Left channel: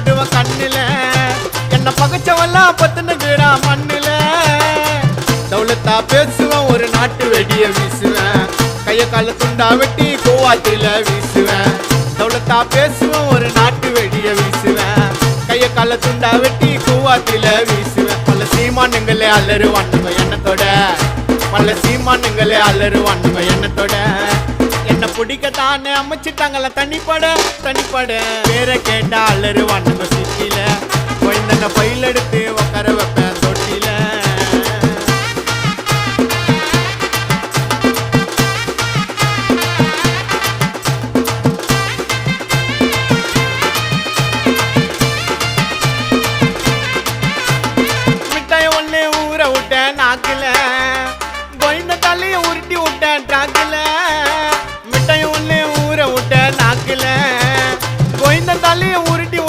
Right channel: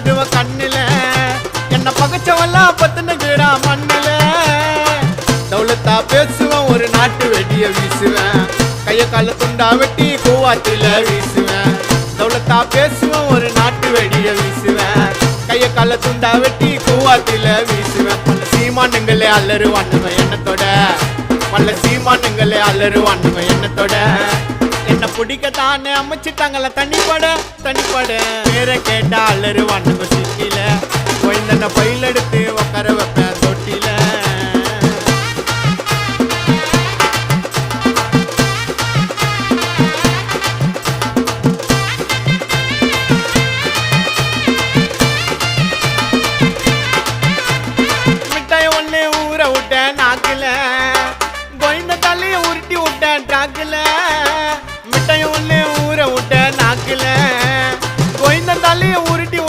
விடுவேன் கண்ணுல, என்ன பகச்சவெல்லாம் பத்துனுக்குடா மண்ணுல. தௌலத்தா பேசுவேன், ஒரு நாட்டு வெடிய வீசுவேன், கைய கால துண்டா வெட்டி கூவாத்தில வீசுவேன். தௌலத்தா பேசுவேன், ஒரு நாட்டு வெடிய வீசுவேன், கைய கால துண்டா வெட்டி கூவாத்தில வீசுவேன். பல சீமானுங்களே அலறுவானுங்க எண்ணத்தோட, பல சீமானுங்களே அலறுவானுங்க எண்ணத்தோட. என்ன பிடிக்கத்தானே அமைச்சிட்டாங்கள தனிப்பட தனிப்பட. பேரை கேட்டா அலறுவானுங்க சிட்டில, குழந்தன பயில் எடுத்து உட்கார வைப்பேன் தொட்டில. ஒன்னே ஊற விட்டேன் நாக்குல, கோயந்த தலைய உருட்டி விட்டேன் ட்ராக்குல. மிட்டாய் ஒன்னே ஊற விட்டேன் நாக்குல, கோயந்த தலைய உருட்டி